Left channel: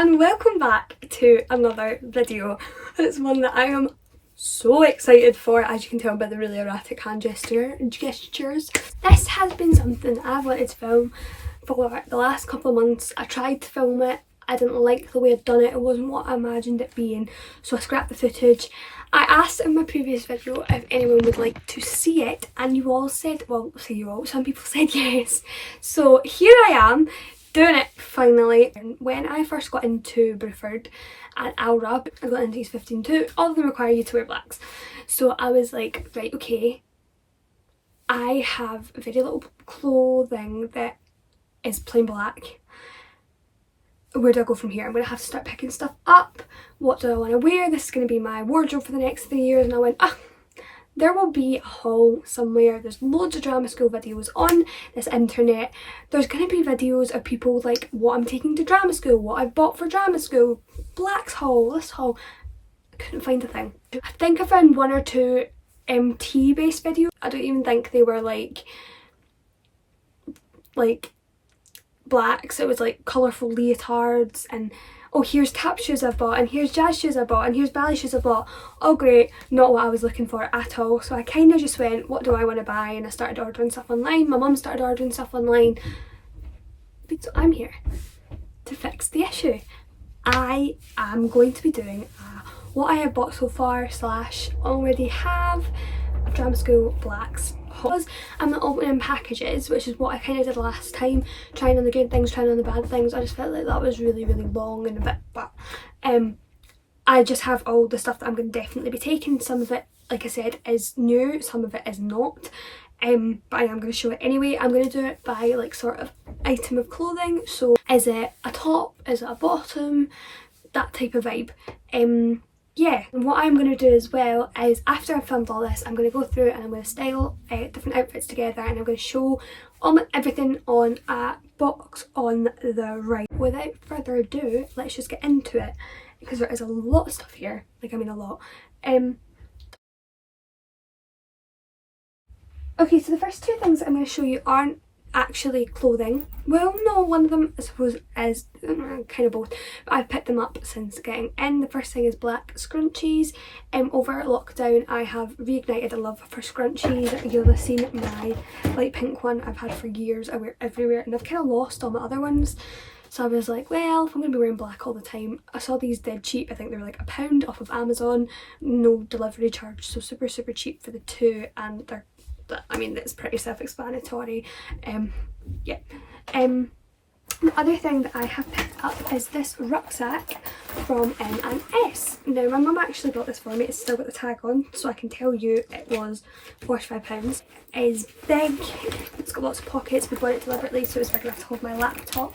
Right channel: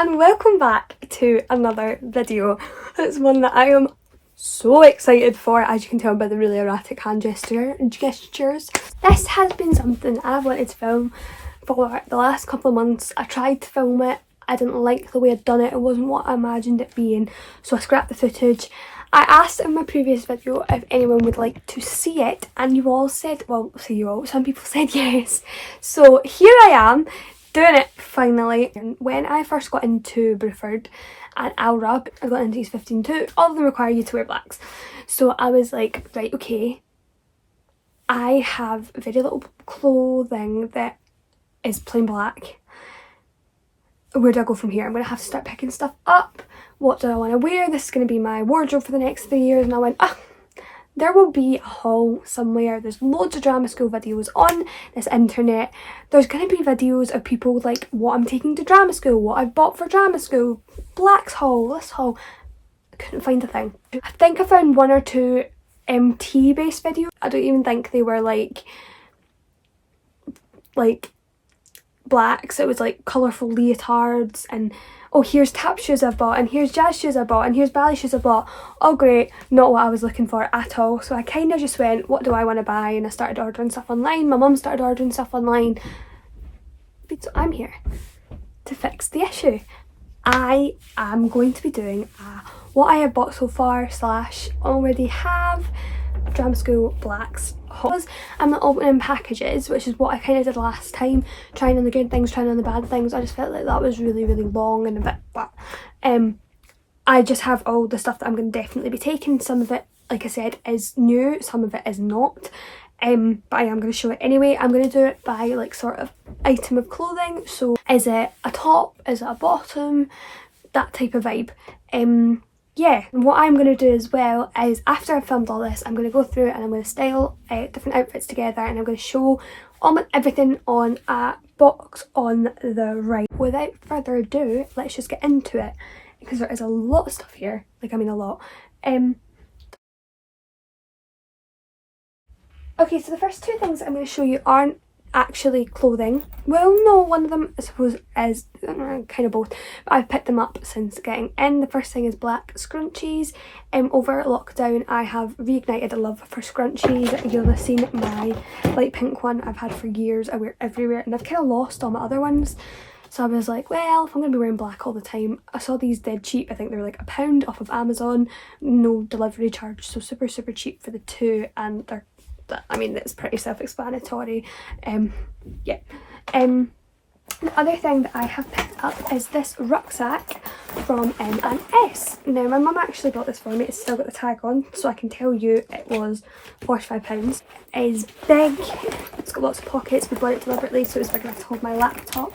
and welcome back to another video. It's one that I am so excited for, as you can tell by the really erratic hand gestures. This has been something I've wanted to film for the last couple of months. I tried to film it, I didn't like the way I'd done it, it wasn't what I imagined it being, so I scrapped the footage. I asked in my previous video if anyone would like to see it, and you all said, well, say you all, some people said yes. So here I am, doing it finally. And when I first got into Bruford and Alra, I got into these 15 too, all of them require you to wear blacks. So I was like, right, okay, I have very little clothing that is plain black. Where do I go from here? I'm going to have to start picking stuff up. What do I want to wear? This is going to be my wardrobe for the next 3 years. And I went, there will be a haul somewhere. There's loads of drama school videos on this internet. There's going to be videos of people like what I'm taking to drama school, what I've bought for drama school, blacks haul, this haul. I couldn't find a thing. I think I found one or two MT based videos. I don't even think they were like blacks. It was like colourful leotards and oh, here's tap shoes I've bought, and here's jazz shoes I bought, and here's ballet shoes I bought. Oh great, not what I was looking for at all. So I kind of just went, what do I want to buy? And I started ordering stuff online. My mum started ordering stuff online. But so I'm here to fix the issue. I am going to be doing what I have bought so far / already have drama school blacks hauls. I'm not opening packages, which is what I kind of did last time, trying on the good things, trying on the bad things. I just felt like that was really long and a bit, but I just have all the stuff that I'm going to definitely be taking. Some of it, like I said, is new, some of it is not, but I am going to show it anyway. I'm going to do it by like sort of item of clothing. So is it a top, is it a bottom, that type of vibe. Yeah, and what I'm going to do as well is after I've filmed all this, I'm going to go through and I'm going to style different outfits together, and I'm going to show everything on a box on the right. Without further ado, let's just get into it, because there is a lot of stuff here, like I mean a lot. Okay, so the first two things I'm going to show you aren't actually clothing. Well, no, one of them I suppose is kind of both, but I've picked them up since getting in. The first thing is black scrunchies. Over lockdown I have reignited a love for scrunchies. You'll have seen my light pink one I've had for years. I wear everywhere, and I've kind of lost all my other ones. So I was like, well, if I'm going to be wearing black all the time, I saw these dead cheap. I think they were like £1 off of Amazon, no delivery charge, so super cheap for the two, and they're, I mean, it's pretty self-explanatory. Yeah. The other thing that I have picked up is this rucksack from M&S. Now, my mum actually got this for me. It's still got the tag on, so I can tell you it was £45. It is big. It's got lots of pockets. We bought it deliberately so it's big enough to hold my laptop.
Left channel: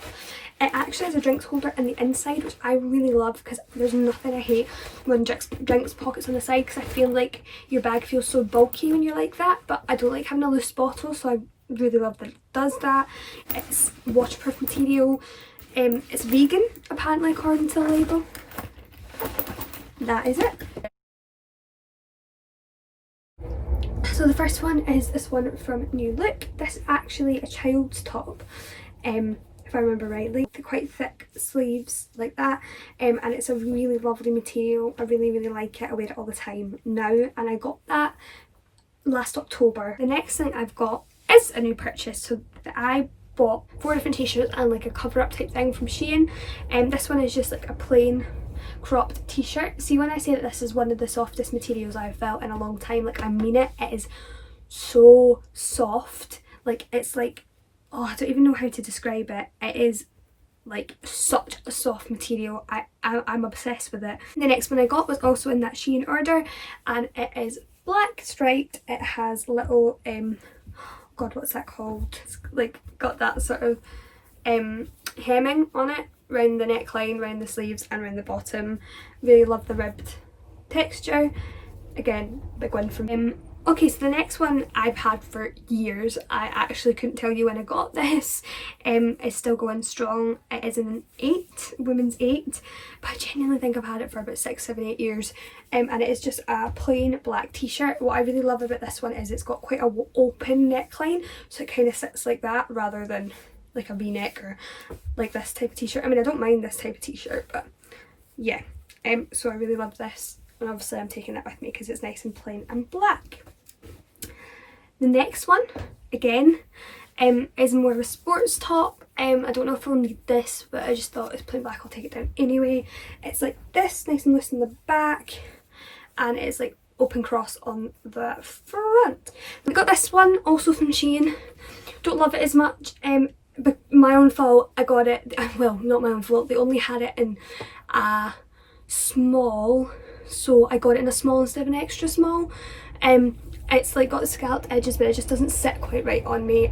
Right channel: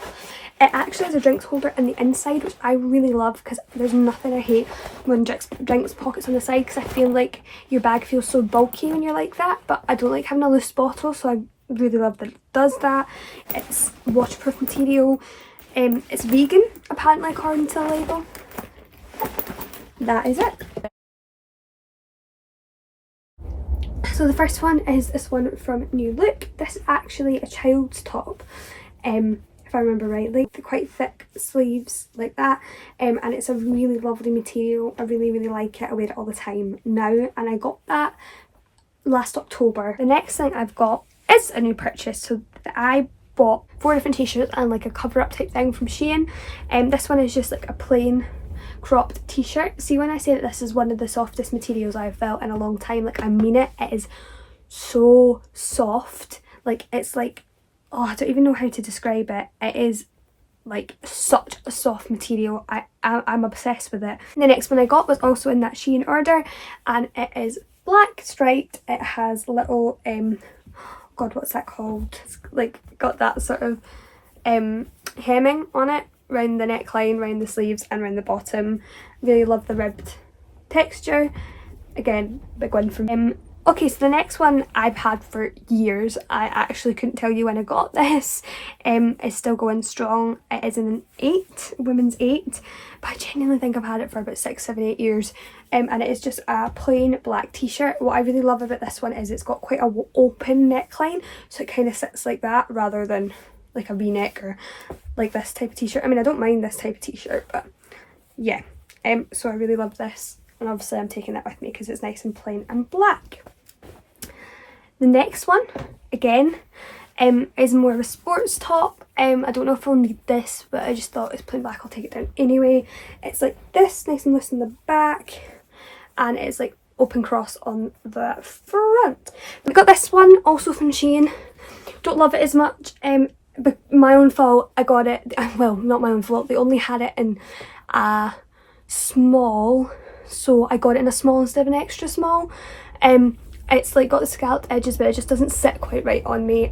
It actually has a drinks holder in the inside, which I really love, because there's nothing I hate when drinks pockets on the side, because I feel like your bag feels so bulky when you're like that, but I don't like having a loose bottle, so I really love that it does that. It's waterproof material. It's vegan, apparently, according to the label. That is it. So the first one is this one from New Look. This is actually a child's top. If I remember rightly, quite thick sleeves like that, and it's a really lovely material. I really like it. I wear it all the time now, and I got that last October. The next thing I've got is a new purchase. So I bought 4 different t-shirts and like a cover up type thing from Shein, and this one is just like a plain cropped t-shirt. See, when I say that this is one of the softest materials I've felt in a long time, like I mean it. It is so soft, like it's like, oh, I don't even know how to describe it. It is like such a soft material. I'm obsessed with it. The next one I got was also in that Shein order, and it is black striped. It has little god, what's that called? It's like got that sort of hemming on it around the neckline, around the sleeves and around the bottom. Really love the ribbed texture. Again, big one from him. Okay, so the next one I've had for years. I actually couldn't tell you when I got this. It's still going strong. It is an 8, women's 8, but I genuinely think I've had it for about 6, 7, 8 years. And it is just a plain black t-shirt. What I really love about this one is it's got quite a open neckline, so it kind of sits like that rather than like a v-neck or like this type of t-shirt. I mean, I don't mind this type of t-shirt, but yeah. So I really love this, and obviously I'm taking that with me because it's nice and plain and black. The next one, again, is more of a sports top. I don't know if I'll need this, but I just thought it's plain black, I'll take it down anyway. It's like this, nice and loose in the back, and it's like open cross on the front. I got this one also from Shein. Don't love it as much, but my own fault. I got it, well, not my own fault, they only had it in a small, so I got it in a small instead of an extra small. It's like got the scalloped edges, but it just doesn't sit quite right on me.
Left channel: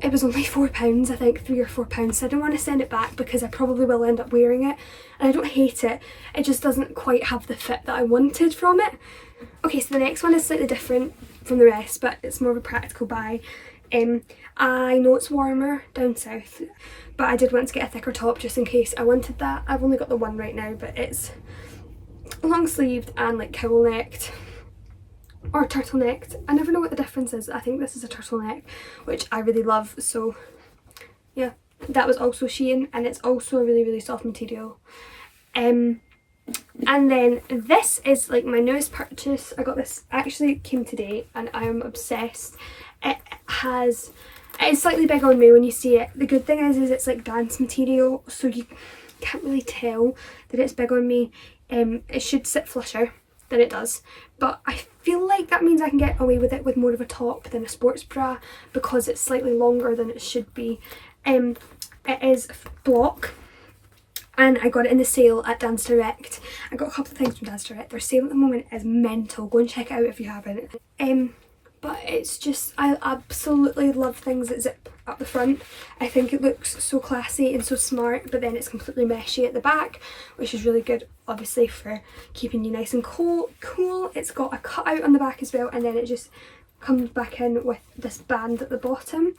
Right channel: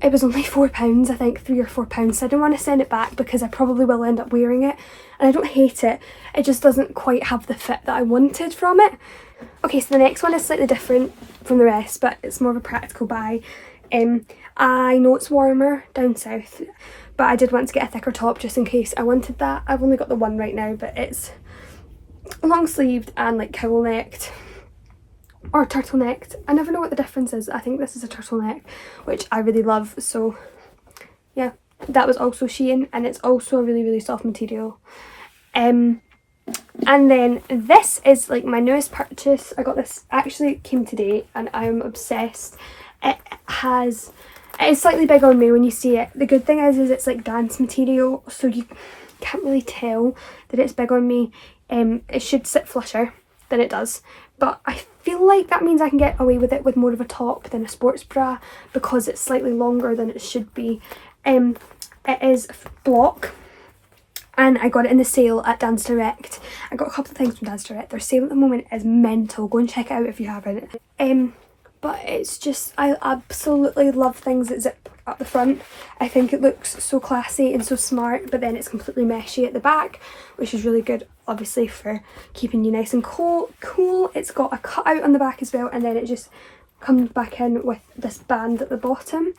It was only £4, I think, £3 or £4, so I didn't want to send it back because I probably will end up wearing it, and I don't hate it, it just doesn't quite have the fit that I wanted from it. Okay, so the next one is slightly different from the rest, but it's more of a practical buy. I know it's warmer down south, but I did want to get a thicker top just in case I wanted that. I've only got the one right now, but it's long sleeved and like cowl necked or turtlenecked. I never know what the difference is. I think this is a turtleneck, which I really love. So yeah, that was also Shein, and it's also a really, really soft material. And then this is like my newest purchase. I got this, actually it came today, and I am obsessed. It is slightly big on me when you see it. The good thing is it's like dance material, so you can't really tell that it's big on me. It should sit flusher than it does, but I feel like that means I can get away with it with more of a top than a sports bra because it's slightly longer than it should be. It is block, and I got it in the sale at Dance Direct. I got a couple of things from Dance Direct. Their sale at the moment is mental. Go and check it out if you haven't. But it's just, I absolutely love things that zip up the front. I think it looks so classy and so smart, but then it's completely meshy at the back, which is really good, obviously, for keeping you nice and cool. It's got a cutout on the back as well, and then it just comes back in with this band at the bottom.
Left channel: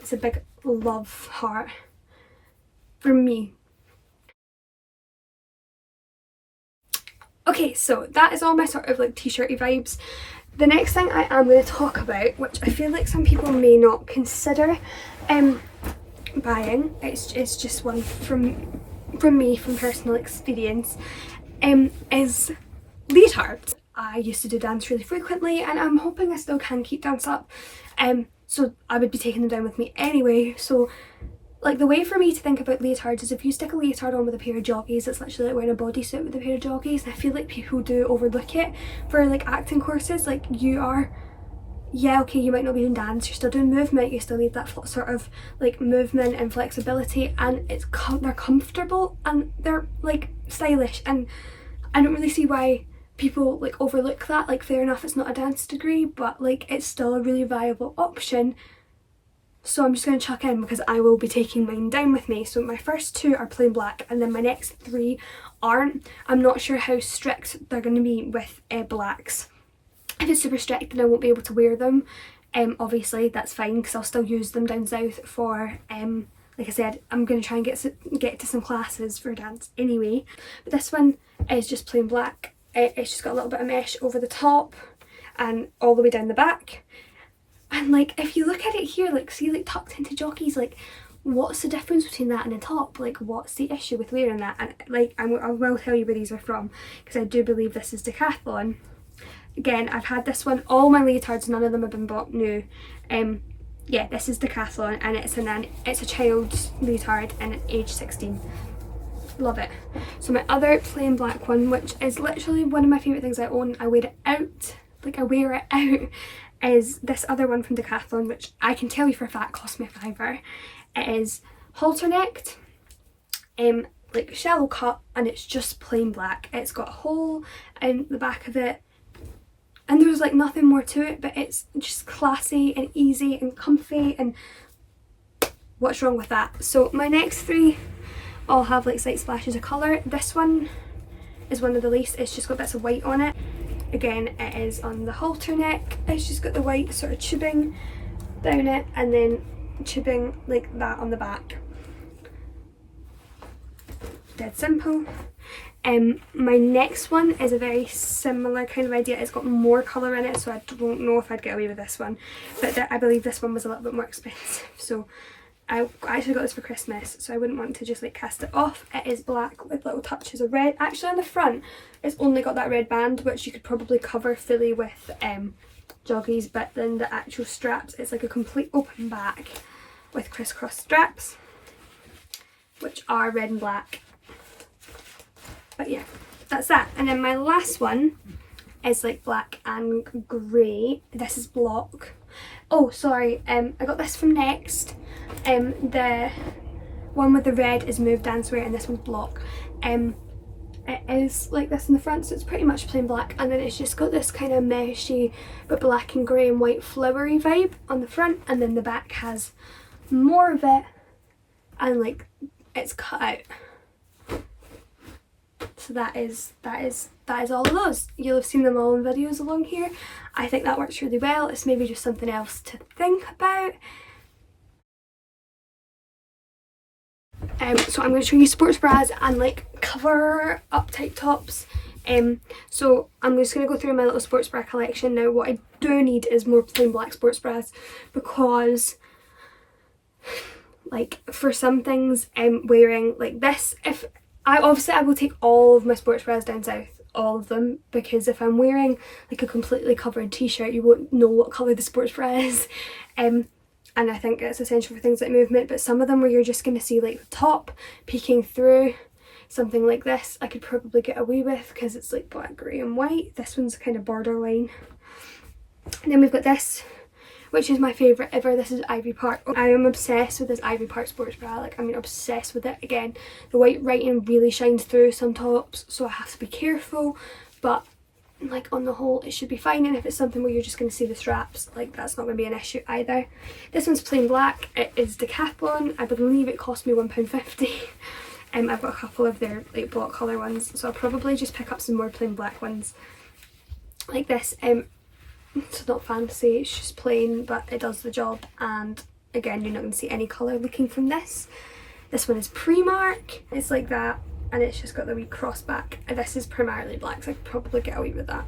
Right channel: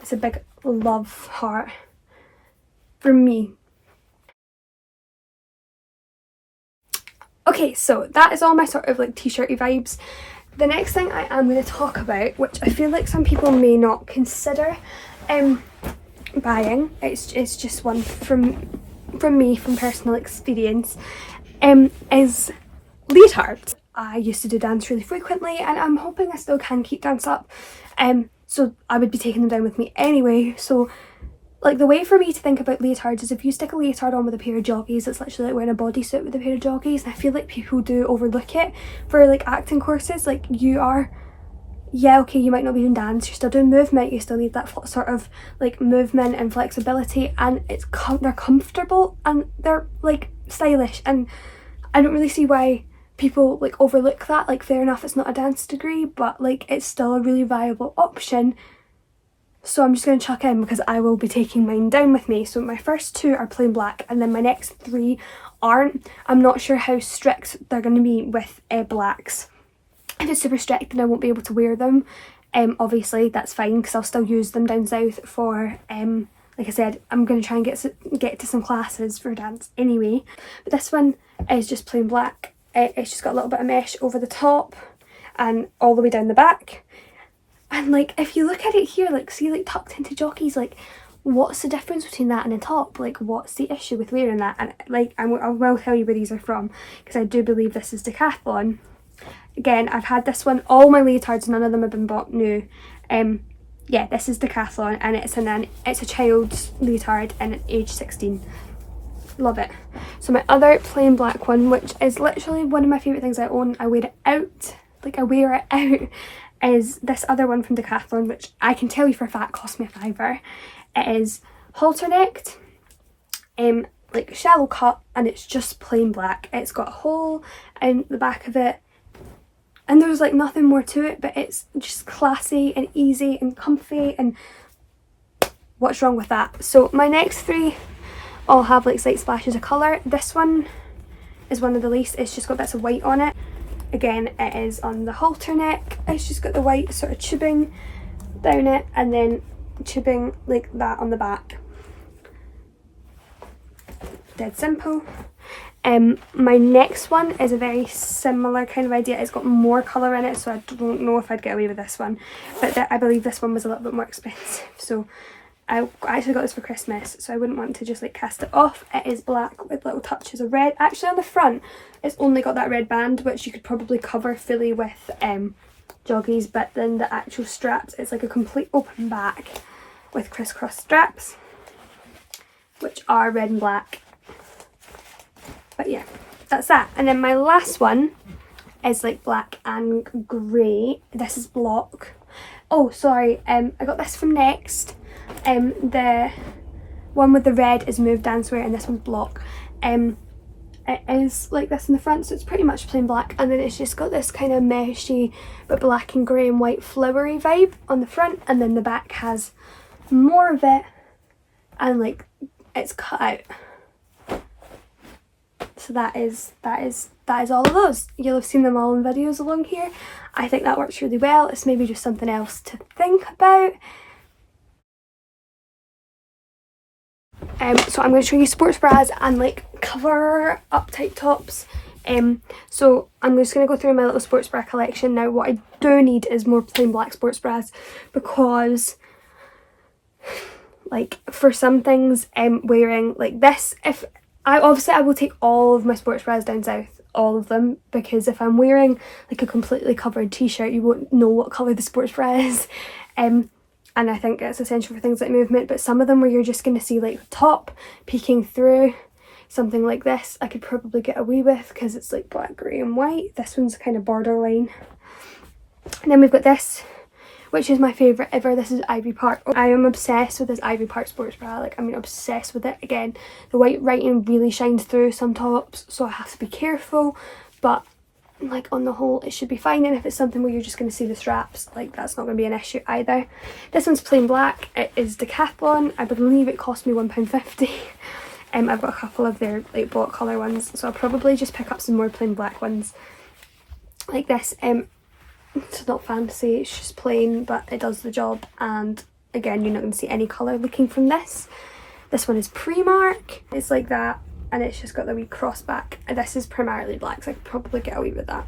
It's a big love heart for me. Okay, so that is all my sort of like t-shirty vibes. The next thing I am going to talk about, which I feel like some people may not consider buying, it's just one from me, from personal experience, is leotards. I used to do dance really frequently, and I'm hoping I still can keep dance up, so I would be taking them down with me anyway. So like the way for me to think about leotards is if you stick a leotard on with a pair of joggies, it's literally like wearing a bodysuit with a pair of joggies, and I feel like people do overlook it for like acting courses. Like you are, yeah, okay, you might not be doing dance, you're still doing movement, you still need that sort of like movement and flexibility, and they're comfortable and they're like stylish, and I don't really see why people like overlook that. Like fair enough, it's not a dance degree, but like it's still a really viable option. So I'm just going to chuck in because I will be taking mine down with me. So my first two are plain black, and then my next three aren't. I'm not sure how strict they're going to be with blacks. If it's super strict, then I won't be able to wear them. Obviously that's fine because I'll still use them down south for, like I said, I'm going to try and get to some classes for dance anyway. But this one is just plain black. It's just got a little bit of mesh over the top and all the way down the back. And like if you look at it here, like see, like tucked into jockeys, like what's the difference between that and a top? Like what's the issue with wearing that? And like I will tell you where these are from, because I do believe this is Decathlon. Again, I've had this one, all my leotards, none of them have been bought new. Yeah, this is Decathlon, and it's a child's leotard and it's age 16. Love it. So my other plain black one, which is literally one of my favourite things I own, I wear it out, like I wear it out, is this other one from Decathlon, which I can tell you for a fact cost me £5. It is halter necked, like shallow cut, and it's just plain black. It's got a hole in the back of it, and there's like nothing more to it, but it's just classy and easy and comfy, and what's wrong with that? So my next three all have like slight splashes of colour. This one is one of the least. It's just got bits of white on it. Again, it is on the halter neck. It's just got the white sort of tubing down it, and then tubing like that on the back. Dead simple. My next one is a very similar kind of idea. It's got more colour in it, so I don't know if I'd get away with this one, but I believe this one was a little bit more expensive, so I actually got this for Christmas, so I wouldn't want to just like cast it off. It is black with little touches of red. Actually on the front it's only got that red band, which you could probably cover fully with joggies, but then the actual straps, it's like a complete open back with crisscross straps, which are red and black. But yeah, that's that. And then my last one is like black and grey. This is block. Oh sorry, I got this from Next. The one with the red is Move Dancewear and this one's block. It is like this in the front, so it's pretty much plain black, and then it's just got this kind of meshy but black and grey and white flowery vibe on the front, and then the back has more of it and like it's cut out. So that is all of those. You'll have seen them all in videos along here. I think that works really well. It's maybe just something else to think about. So I'm going to show you sports bras and like cover up tight tops. So I'm just going to go through my little sports bra collection now. What I do need is more plain black sports bras, because like for some things wearing like this, if I will take all of my sports bras down south, all of them, because if I'm wearing like a completely covered t-shirt you won't know what colour the sports bra is. And I think it's essential for things like movement, but some of them where you're just going to see like the top peeking through, something like this I could probably get away with because it's like black, grey and white. This one's kind of borderline. And then we've got this, which is my favourite ever. This is Ivy Park. I am obsessed with this Ivy Park sports bra. Like, I mean, obsessed with it. Again, the white writing really shines through some tops, so I have to be careful, but like on the whole it should be fine. And if it's something where you're just going to see the straps, like that's not going to be an issue either. This one's plain black. It is Decathlon. I believe it cost me £1.50. I've got a couple of their like block colour ones, so I'll probably just pick up some more plain black ones like this. It's not fancy, it's just plain, but it does the job, and again you're not going to see any colour looking from this. This one is Primark. It's like that, and it's just got the wee cross back. This is primarily black, so I could probably get away with that.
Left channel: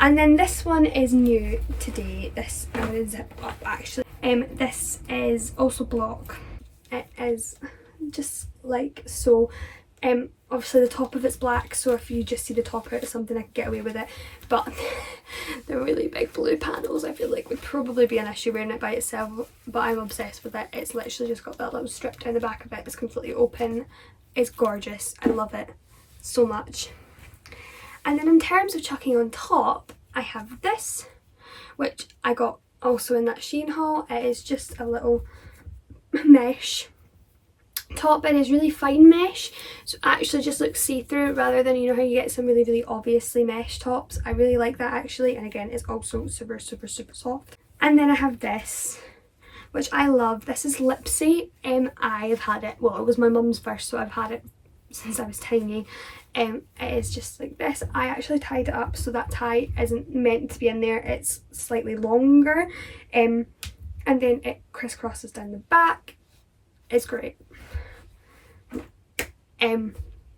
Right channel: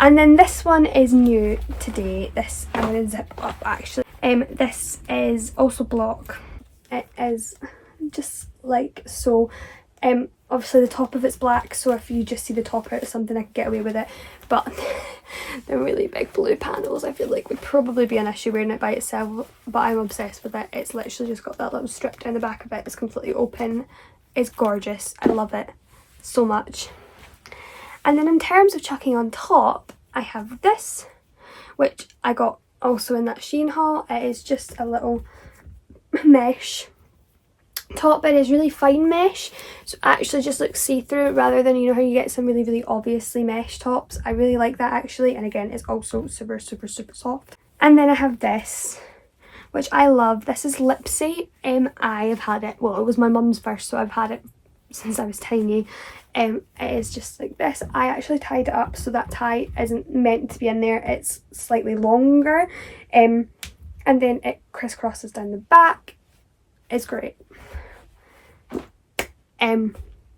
And then this one is new today. This I'm going to zip up actually. This is also block. It is just like so. Obviously the top of it's black, so if you just see the top out of something I could get away with it, but the really big blue panels I feel like would probably be an issue wearing it by itself, but I'm obsessed with it. It's literally just got that little strip down the back of it. It's completely open. It's gorgeous. I love it so much. And then in terms of chucking on top, I have this, which I got also in that Shein haul. It is just a little mesh top. It is really fine mesh, so it actually just looks see-through rather than, you know how you get some really obviously mesh tops. I really like that actually, and again it's also super soft. And then I have this, which I love. This is Lipsy. I have had it, well, it was my mum's first, so I've had it since I was tiny. It is just like this. I actually tied it up so that tie isn't meant to be in there, it's slightly longer, and then it crisscrosses down the back. It's great.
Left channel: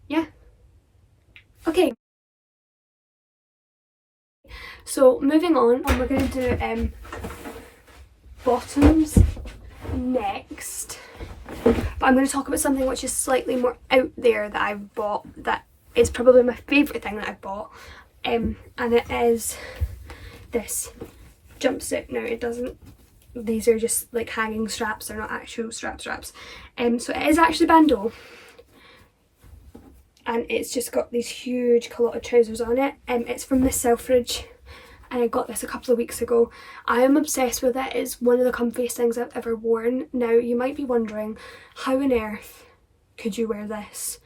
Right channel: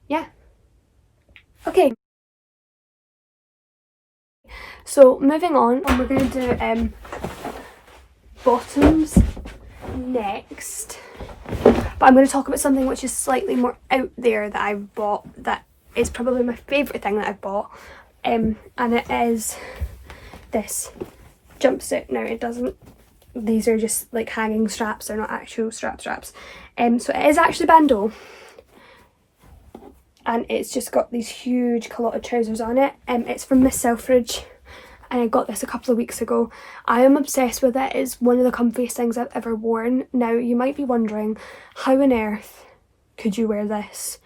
Yeah. Okay. So moving on, and we're going to do bottoms next. But I'm going to talk about something which is slightly more out there that I've bought, that is probably my favourite thing that I've bought. And it is this jumpsuit. Now it doesn't, these are just like hanging straps, they're not actual straps. So it is actually bandeau. And it's just got these huge culotte trousers on it. It's from Miss Selfridge, and I got this a couple of weeks ago. I am obsessed with it. It's one of the comfiest things I've ever worn. Now you might be wondering, how on earth could you wear this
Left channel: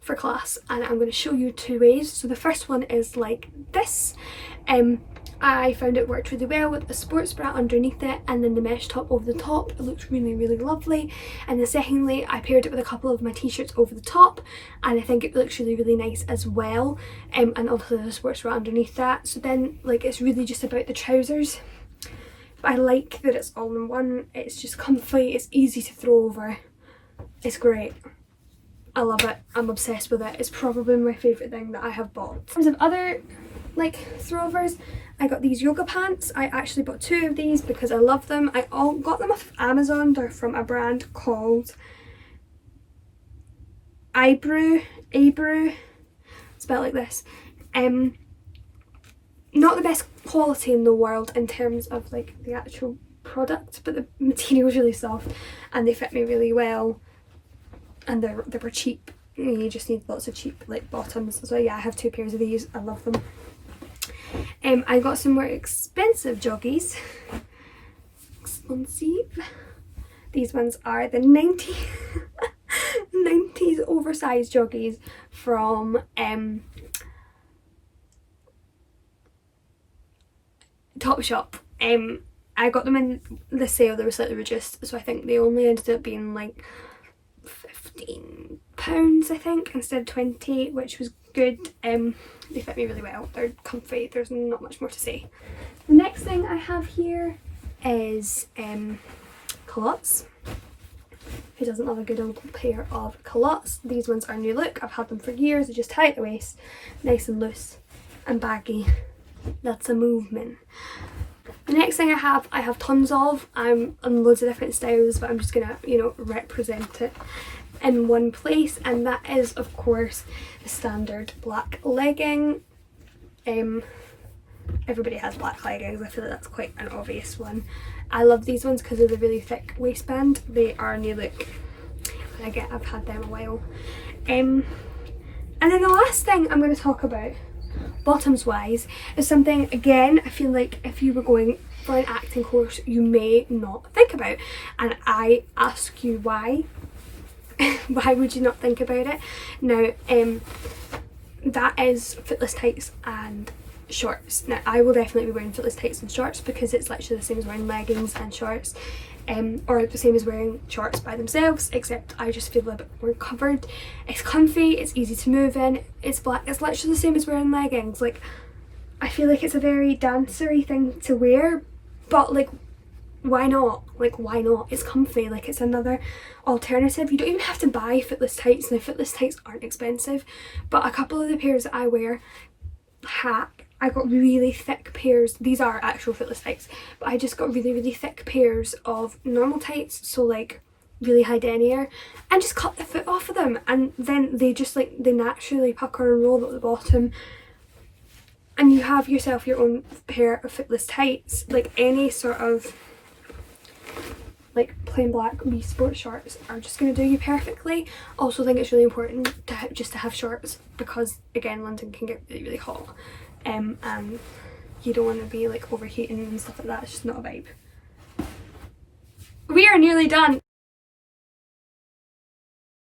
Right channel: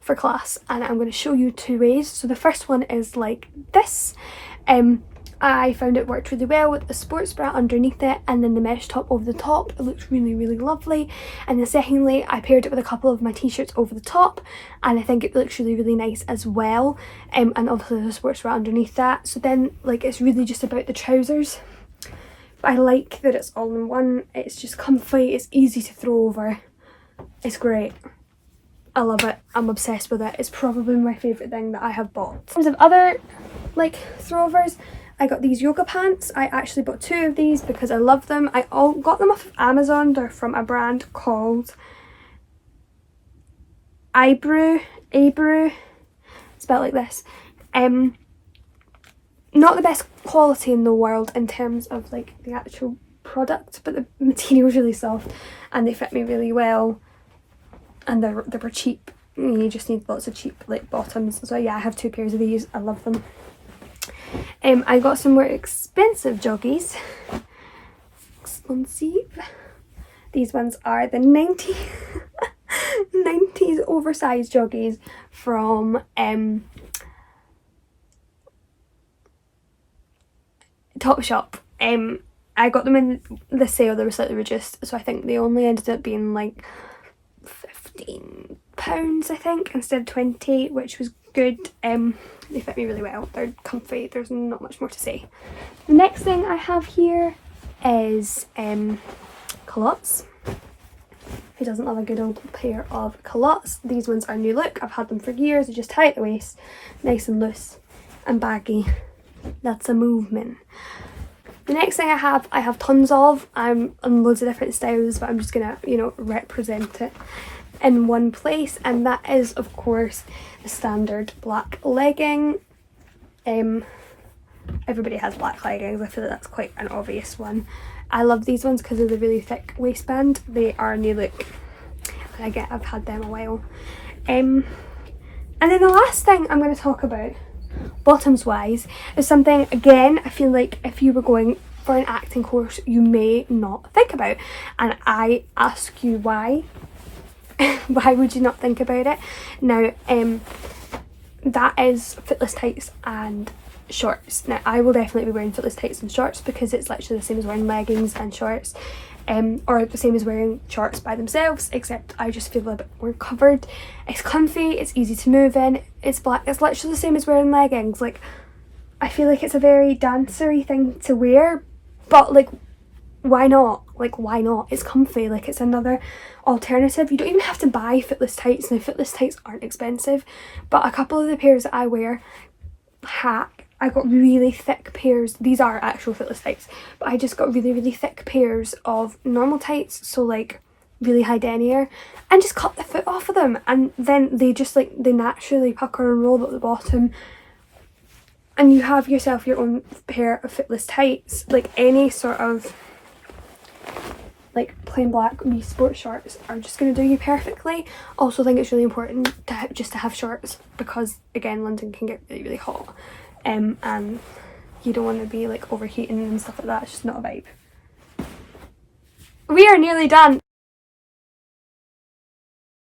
for class? And I'm going to show you two ways. So the first one is like this. I found it worked really well with the sports bra underneath it and then the mesh top over the top. It looks really lovely. And then secondly, I paired it with a couple of my t-shirts over the top, and I think it looks really nice as well. And obviously the sports bra underneath that. So then like it's really just about the trousers. But I like that it's all in one. It's just comfy, it's easy to throw over. It's great. I love it. I'm obsessed with it. It's probably my favourite thing that I have bought. In terms of other like throwovers, I got these yoga pants. I actually bought 2 of these because I love them. I all got them off of Amazon. They're from a brand called Abreu, spelled like this. Not the best quality in the world in terms of like the actual product, but the material is really soft and they fit me really well, and they were cheap. You just need lots of cheap like bottoms. So yeah, I have 2 pairs of these. I love them. I got some more expensive joggies. Expensive. These ones are the 90s oversized joggies from Topshop. I got them in the sale. They were slightly reduced, so I think they only ended up being like £15 I think instead of 20, which was good. They fit me really well. They're comfy. There's not much more to say. The next thing I have here is culottes. Who doesn't love a good old pair of culottes? These ones are new look. I've had them for years. They just tie at the waist, nice and loose and baggy. That's a movement. The next thing I have tons of. I'm on loads of different styles, but I'm just gonna, you know, represent it in one place, and that is of course the standard black legging. Everybody has black leggings. I feel like that's quite an obvious one. I love these ones because of the really thick waistband. They are new look, and I've had them a while. And then the last thing I'm going to talk about, bottoms wise, is something, again, I feel like if you were going for an acting course you may not think about, and I ask you why. Why would you not think about it? Now that is footless tights and shorts. Now I will definitely be wearing footless tights and shorts because it's literally the same as wearing leggings and shorts, or the same as wearing shorts by themselves, except I just feel a bit more covered. It's comfy, it's easy to move in, it's black, it's literally the same as wearing leggings. Like, I feel like it's a very dancery thing to wear, but like, why not? Like, why not? It's comfy. Like, it's another alternative. You don't even have to buy footless tights. Now, footless tights aren't expensive, but a couple of the pairs that I wear, hack. I got really thick pairs. These are actual footless tights, but I just got really thick pairs of normal tights, so like really high denier, and just cut the foot off of them, and then they just like, they naturally pucker and roll at the bottom, and you have yourself your own pair of footless tights. Like, any sort of like plain black wee sports shorts are just going to do you perfectly. Also, I think it's really important to have shorts because, again, London can get really hot, and you don't want to be like overheating and stuff like that. It's just not a vibe. We are nearly done.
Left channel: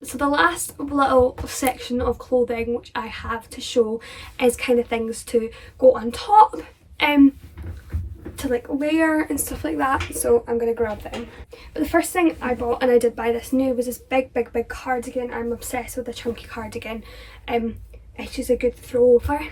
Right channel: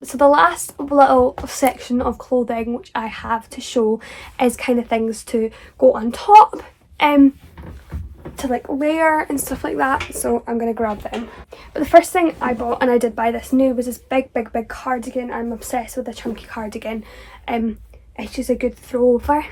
So the last little section of clothing which I have to show is kind of things to go on top, to like wear and stuff like that. So I'm gonna grab them. But the first thing I bought, and I did buy this new, was this big cardigan. I'm obsessed with a chunky cardigan. It's just a good throwover.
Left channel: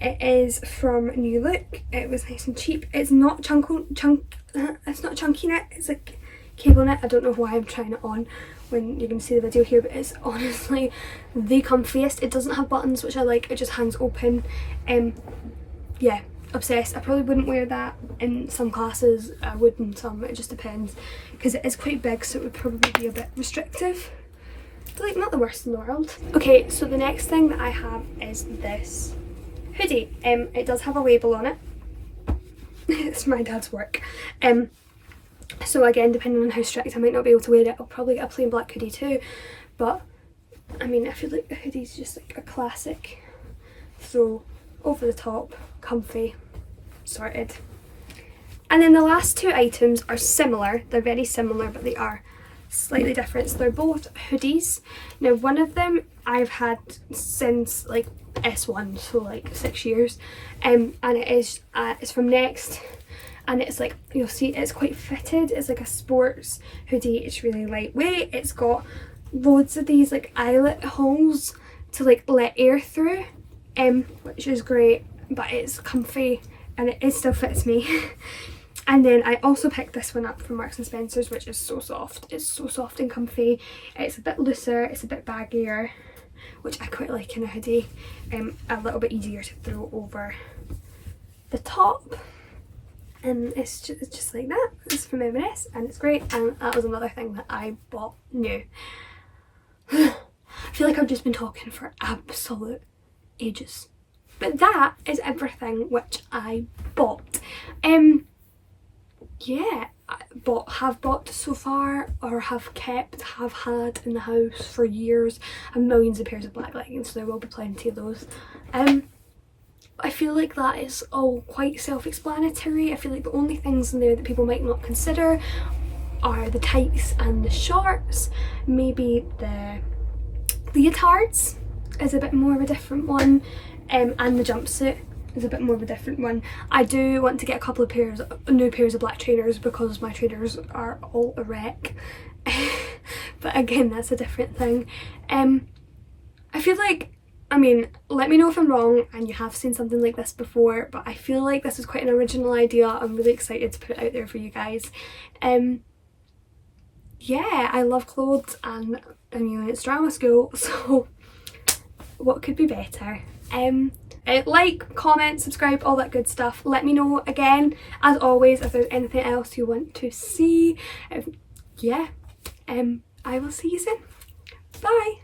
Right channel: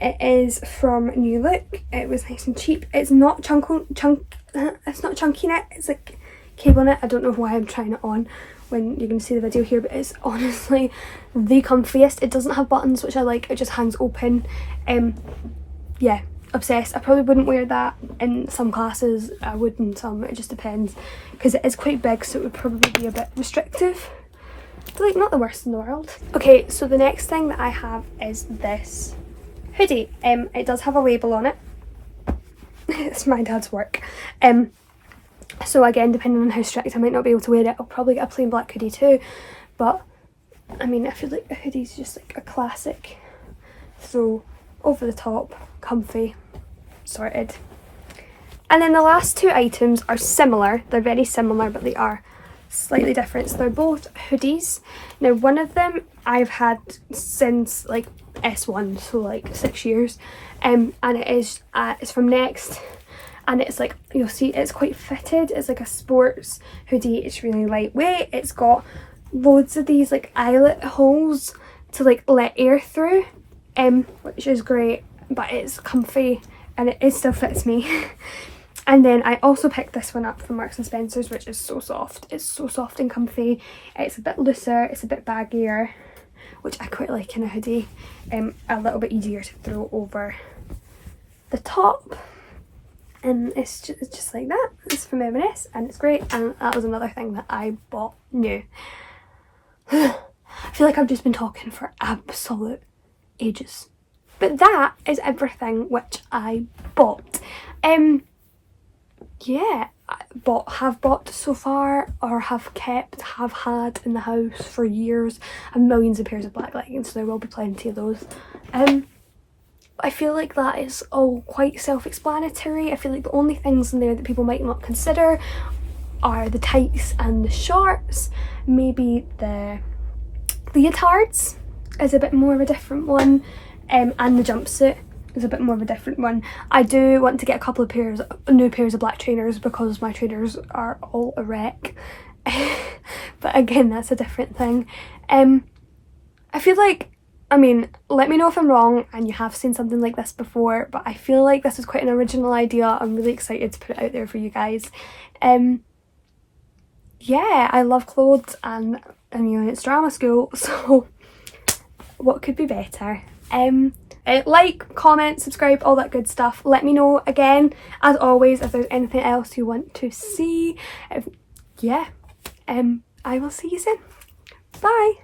It is from New Look. It was nice and cheap. It's not it's not chunky knit. It's like cable knit. I don't know why I'm trying it on when you're going to see the video here, but it's honestly the comfiest. It doesn't have buttons, which I like. It just hangs open. Yeah, obsessed. I probably wouldn't wear that in some classes. I would in some. It just depends, because it is quite big, so it would probably be a bit restrictive. But like, not the worst in the world. Okay, so the next thing that I have is this hoodie. It does have a label on it. It's my dad's work. So again, depending on how strict, I might not be able to wear it. I'll probably get a plain black hoodie too, but I mean, I feel like the hoodie's just like a classic throw over the top, comfy, sorted. And then the last two items are similar. They're very similar, but they are slightly different. So they're both hoodies. Now, one of them I've had since like S1, so like 6 years, and it's from Next. And it's like, you'll see, it's quite fitted. It's like a sports hoodie. It's really lightweight. It's got loads of these like eyelet holes to like let air through, which is great, but it's comfy and it still fits me. And then I also picked this one up from Marks and Spencer's, which is so soft. It's so soft and comfy. It's a bit looser, it's a bit baggier. which I quite like in a hoodie. A little bit easier to throw over the top. And it's just like that. It's from M&S and it's great, and that was another thing that I bought new. I feel like I've just been talking for absolute ages. But that is everything which I bought. Yeah, have bought so far, or have had in the house for years. I have millions of pairs of black leggings, so there will be plenty of those. I feel like that is all quite self-explanatory. I feel like the only things in there that people might not consider are the tights and the shorts. Maybe the leotards is a bit more of a different one, and the jumpsuit is a bit more of a different one. I do want to get a couple of new pairs of black trainers because my trainers are all a wreck. But again, that's a different thing. I feel like, I mean, let me know if I'm wrong and you have seen something like this before, but I feel like this is quite an original idea. I'm really excited to put it out there for you guys. Yeah, I love clothes, and you know, it's drama school, so what could be better? Like, comment, subscribe, all that good stuff. Let me know again, as always, if there's anything else you want to see. Yeah, I will see you soon. Bye.